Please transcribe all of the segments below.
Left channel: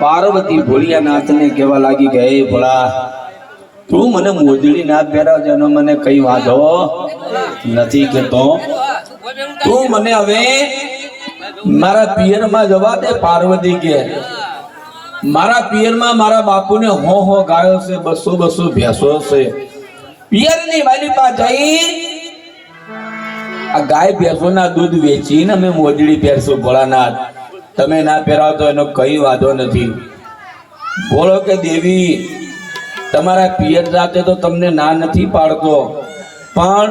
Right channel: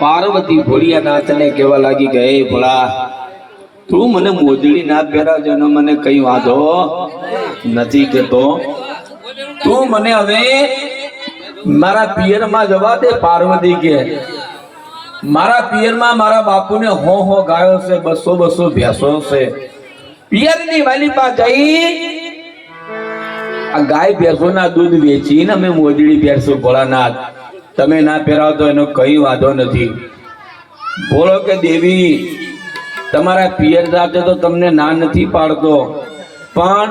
પાર્વતી ભોળિયાનાથને કહેવા લાગી ગઈ ભોળા, તું મને મોજડી ના પહેરાવજો ને મને કઈ વાંધો નથી કેતો તું મને હવે મારા પિયરમાં જવા દે, પાર્વતી કે. મારા પિયરમાં મારા બાપુને હો હો ગાયો છે, બસો બસો ભેંસો છે. પિયરની વાલી પાસે જઈ આ ગાય ભેંસોના દૂધ વેચીને અમે મોજડી પહેરશું ભોળાનાથ. તમે ના પહેરાવો તો એનો કઈ વાંધો નથી. બોલો કે દેવી, તમારા પિયર સાથે તો તમને ના નથી પાડતો. પણ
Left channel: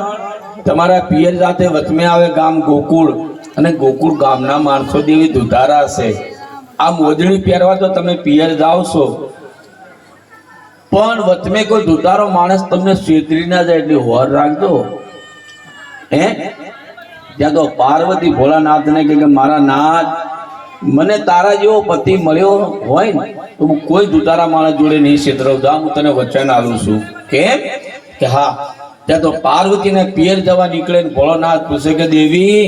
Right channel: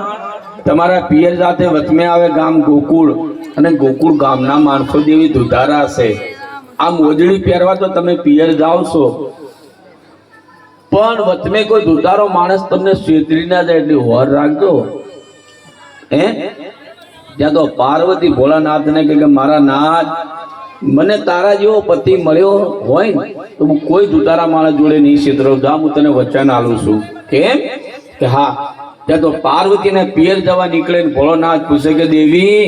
તમારા પિયર સાથે વચમે આવે ગામ ગોકુળ અને ગોકુળ ગામના માણસો જેવી દુધારા છે આ મોજડી પહેરવા તો તમે પિયર જાઓ છો. પણ વચમે કોઈ દુધારો માણસ તમને છેતરી ના જાય એટલે હોર રાખજો. હે? ત્યાં તો પાર્વતી ભોળાનાથને કે મારા નાથ, મને તારા જેવો પતિ મળ્યો હોય ને, તો હું કોઈ દુતારા માણસ જોડે નહીં છેતરવતા હું તને વચન આલું છું. કેમ? કે હા, ત્યાં તો પાર્વતીને પિયર જવા નીકળે ને ભોળાનાથ પૂછે કે, દેવી,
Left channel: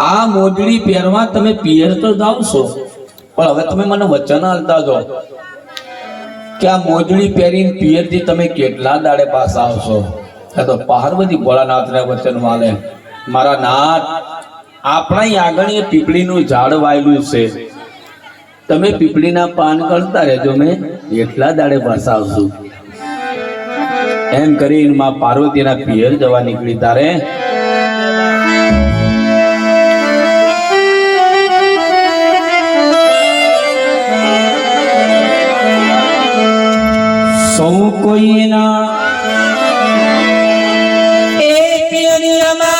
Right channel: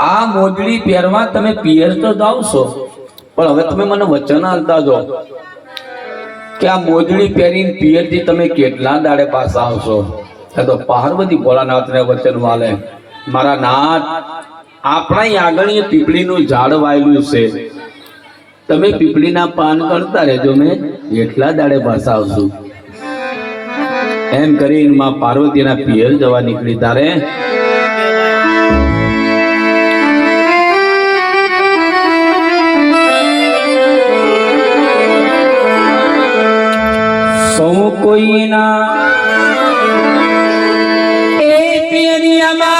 આ મોજડી પહેરવા તમે પિયર તો જાવ છો, પણ હવે તમે મને વચન આલતા જો કે આ મોજડી પહેરીને પિયરથી તમે કેટલા દાડે પાછા આવશો? ત્યાં તો પાર્વતી ભોળાનાથને વચન વાલે મારા નાથ, આપણા આગળ એ પીપળીનું ઝાડ વાયેલું છે. તમે પીપળીના પાન કરતા રહેજો ને એટલા દાડે પાછા એમ કરીને માં પાર્વતીના પિયર જવા નીકળી તારે સૌ કોઈના એ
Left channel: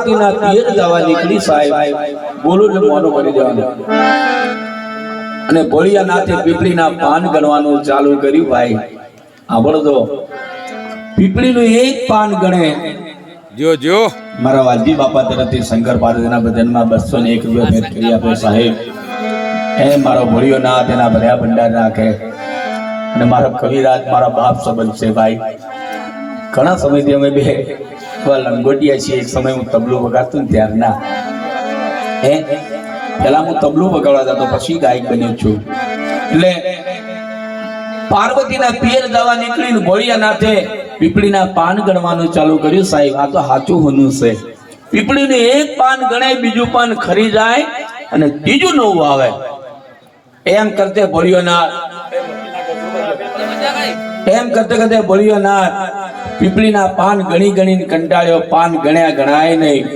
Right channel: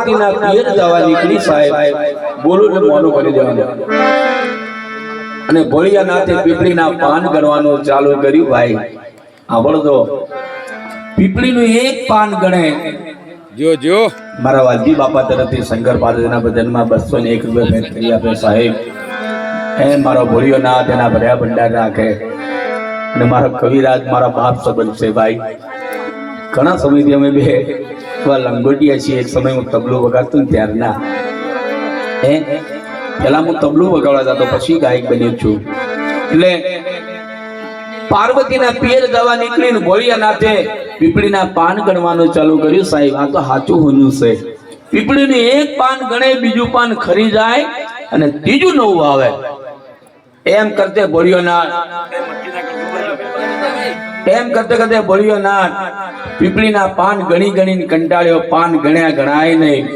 પાર્વતીના પિયર જવા નીકળી સાહેબ. બોલો એટલે મોનું ભરી જવાનું. અને ભોળિયાનાથે પીપળીના પાન ગણવાનું ચાલુ કર્યું ભાઈ. સાંભળો તો. પીપળીનું એક પાન ગણે. જો જો મારા વાલજી બાપા તરફથી શંકર પાર્વતીના ભજનમાં બસો ને એક રૂપિયા ભેટ કરી આપે સાહેબ. એ મારો ભોળિયો નાથ એના ભર્યા ભંડાર રાખે. અને મારો કવિરાજ મારા બાપ સંબંધ છે ભાઈ. ઘણા સમયથી અમે બે એવા લંગોટિયા છીએ એક સમય હું તબલું વગાડતો ને ત્યારના. હે? પેલા હું તબલું વગાડવા જતો, પછી ગાયક બન્યો છું. એટલે પાર્વતીના પિયર દવા નીકળીને ભોળિયાનાથે પીપળીના પાન ગણવાનું ચાલુ કર્યું. સાહેબ, આ તો સાચું હોનું છે. પીપળીને એક પાન ગણે, બીજું પાન ખરી જાય અને ત્રીજું નવું આવે. એમ કરતે ભોળિયોનાથ એમ કરતે કરતે ભોળિયોનાથ પીપળીના પાન ગણી ગણીને કંટાળ્યો. પાન ગણ્યા ગણાય નહીં.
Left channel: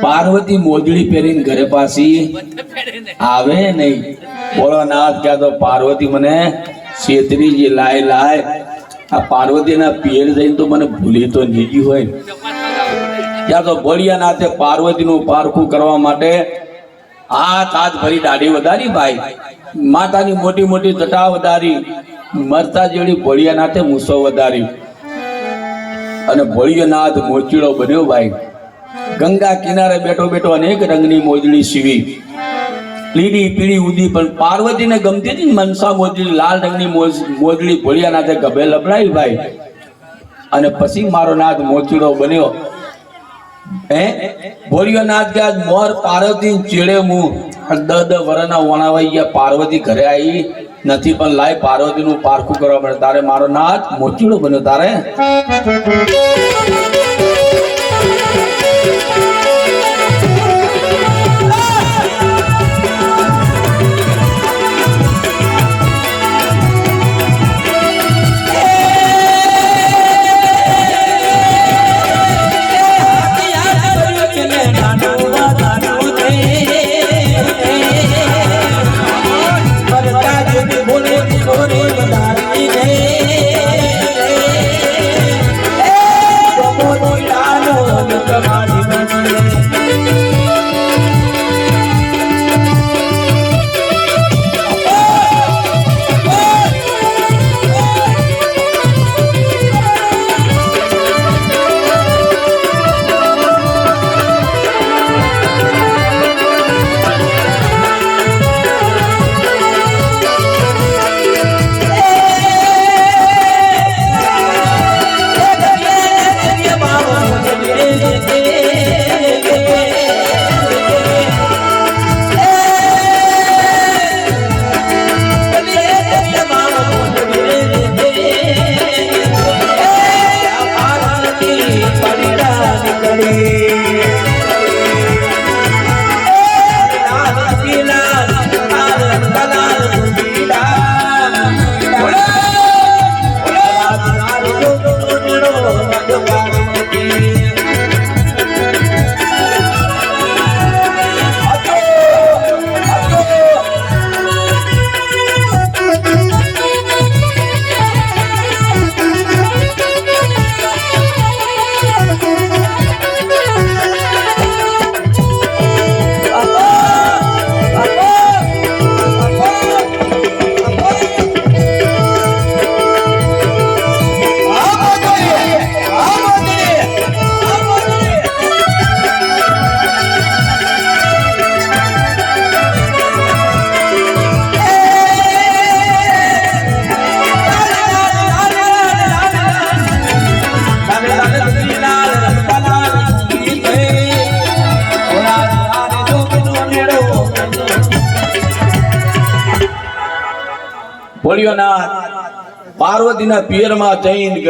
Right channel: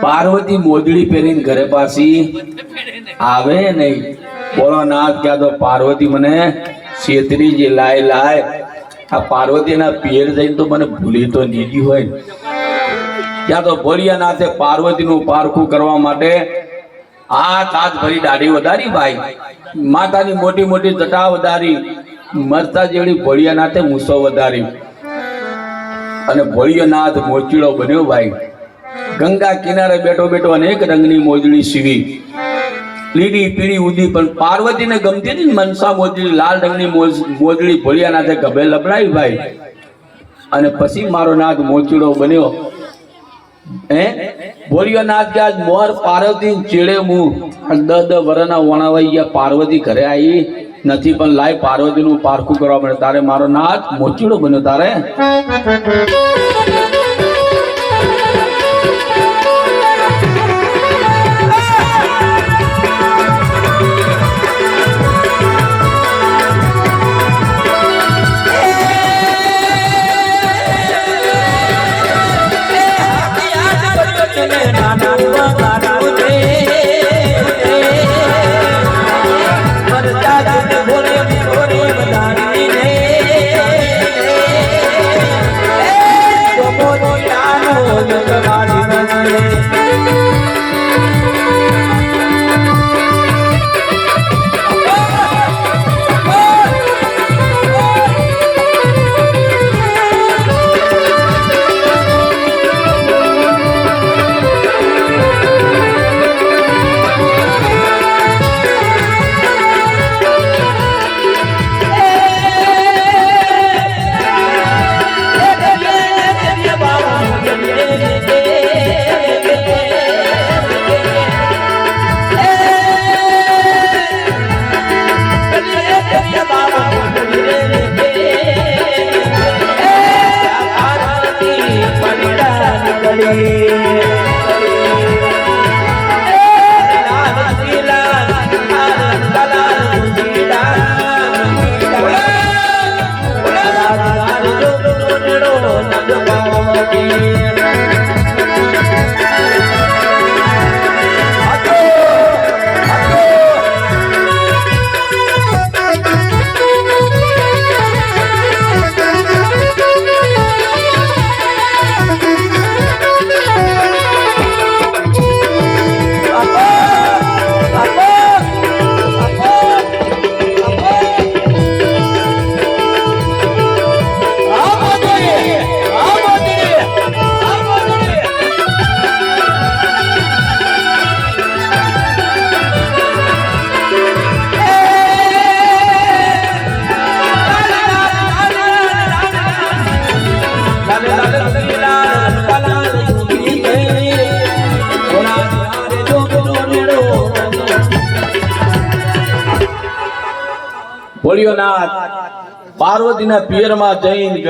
પાર્વતી મોજડી પહેરીને ઘરે પાછી આવે નહીં. બોલો નાથ ક્યાં તો પાર્વતી મને છેતરી જે લાય લાય. આ પાર્વતીના પિયર જઈને તો મને ભૂલી તો નહીં હોય. ત્યાં તો ભોળિયાનાથે પાર્વતીનું પારખું કરવા માટે હાથ હાથ ભરી દાઢી વધારી ભાઈ. માતાની મોટી મોટી જટા વધારી. મરતા જેવડી ભોળિયાનાથે મૂસો વધારી. અને ભોળિયનાથ મોચીડો બન્યો ભાઈ. ગંગા કિનારે બેઠો બેઠો અનેક રંગની મોજડી સીવી. લીલી, પીળી ઉદી પણ પાર્વતીને ગમતી હતી મનસા મોજડી લાલ રંગની મોજ- મોજડી ભોળિયાનાથે ગભે લપડાવી ભાઈ. અને પછી મારો નાથ મોચીડો બન્યો. હે? ભોળિયાનાથ ગયા મોર પાર્વતી ચેડે મું દ દ વરના વણાવાઈ ગયા, પાર્વતી ઘરે આવી નથી પણ લાય પાર્વતીનું પારખું કરવા પડે તારે મારો નાથ મોચીડો બન્યો તારે. Hey. ભોળિયોનાથ પાર્વતીના પિયરમાં જઈને